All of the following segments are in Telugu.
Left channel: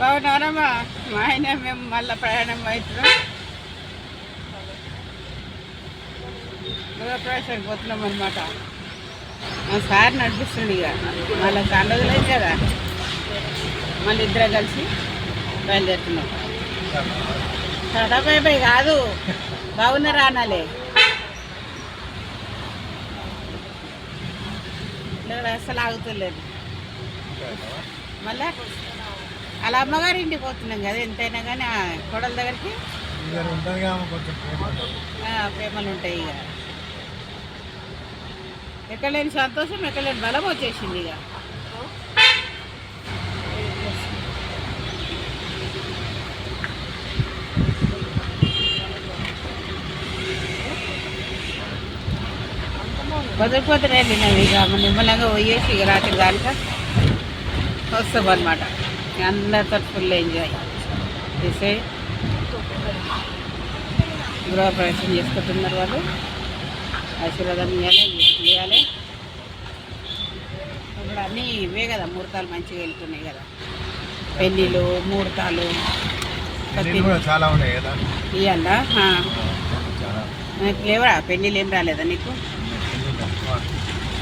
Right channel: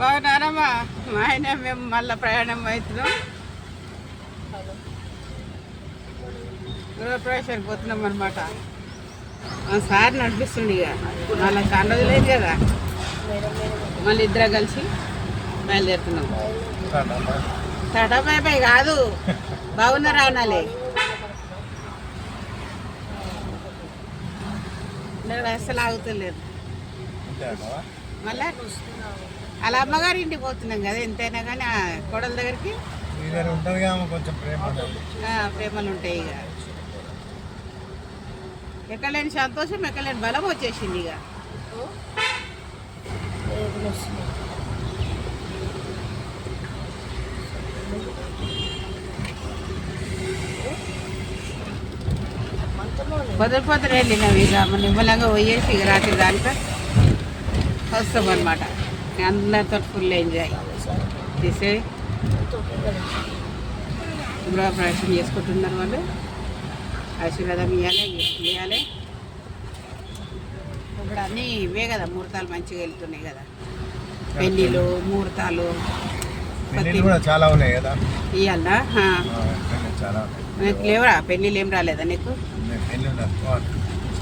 బాగున్నారమ్మా. మా ఆయన మేము మళ్ళీ ప్రయాణం అవుతున్నాం. గృహప్రవేశానికి పోతున్నాం అనమాట. మా సార్ నడిపిస్తుండే ఇక మళ్ళీ చాలా రోజులేదు కదా, మళ్ళీ ఇద్దరు కలిసి బయలుదేరుతున్నాం. టాటా బై బై కాదు, బాగున్నారా అనాలే. లేదు అస్సలు ఆగుతలేదు. మళ్ళా అలా అమ్మగారి ఇంటికి పోతున్నాం కదా, ఎంతైనా కానీ కోడల దగ్గరికి ప్రేమలు ఉంటాయి. ఇక ఎక్కడ లేని సంతోషం, ఎక్కడ లేని బలం వచ్చేసింది. ఇక పొద్దున వెళ్ళినాం. ఇక నిమ్మలంగా పోయేసి ఇక రాత్రి దానిక వస్తాం అనమాట. అందరితో ఫుల్ ఎంజాయ్ చేసే గృహప్రవేశం చేసుకుంటున్నారు వాళ్ళు. ఆశీర్వాదం ఇవ్వాలి. ఇప్పుడు అన్నీ ఇవే కదా, ముహూర్తాలు మంచిగా వెళ్తున్నాయి కదా, పెళ్ళిళ్ళు ముహూర్తాలు చాలా ఉన్నాయి కదా. ఇవన్నా నీకు లేవా? పెళ్ళిళ్ళు ఏం రాలేదా నీకు?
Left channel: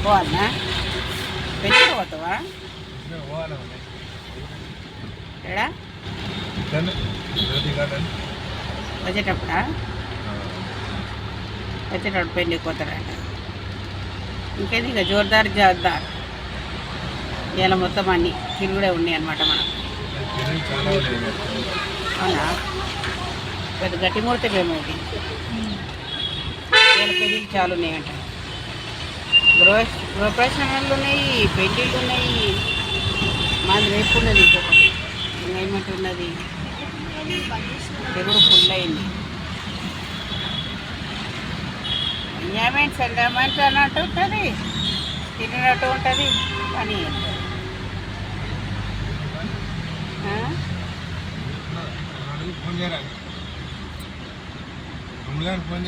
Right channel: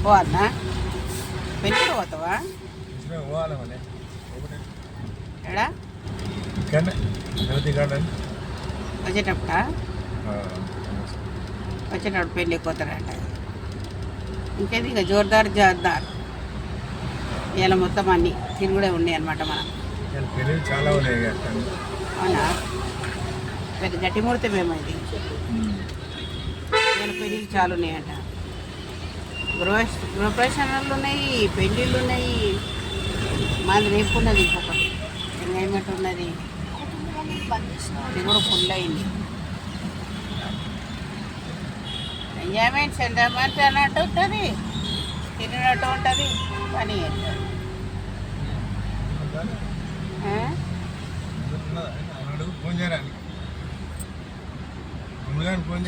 పోవాలన్నా? పెళ్ళి పోతావా? ఎడా వచ్చేటప్పుడా? వచ్చేటప్పుడు పెళ్ళి పోతారంట. ఇంకేది ఇక జోర్దార్ జోర్దార్. ఇలా మొత్తం అన్నీ తిరుగుడే ఉన్నాయి అన్నమాట. మనం అవునా? పెద్ద గట్టి ముహూర్తం ఏమో ఇది. ఇలా పెళ్ళిళ్ళు చాలా ఉన్నాయంట. గృహప్రవేశాలు ఉన్నాయి, పెళ్ళిళ్ళు ఉన్నాయి. మాది రేపు ఉన్నది, ఇంకొకటి ఎంజాయ్మెంట్ ఉన్నది. ఇది కూడా ఫుల్ అయింది. ఎంజాయ్మెంట్ సెంటర్మెంట్ అన్నట్టు ఉంటుంది, తిరిగినట్టు ఉంటుంది, పని ఫోన్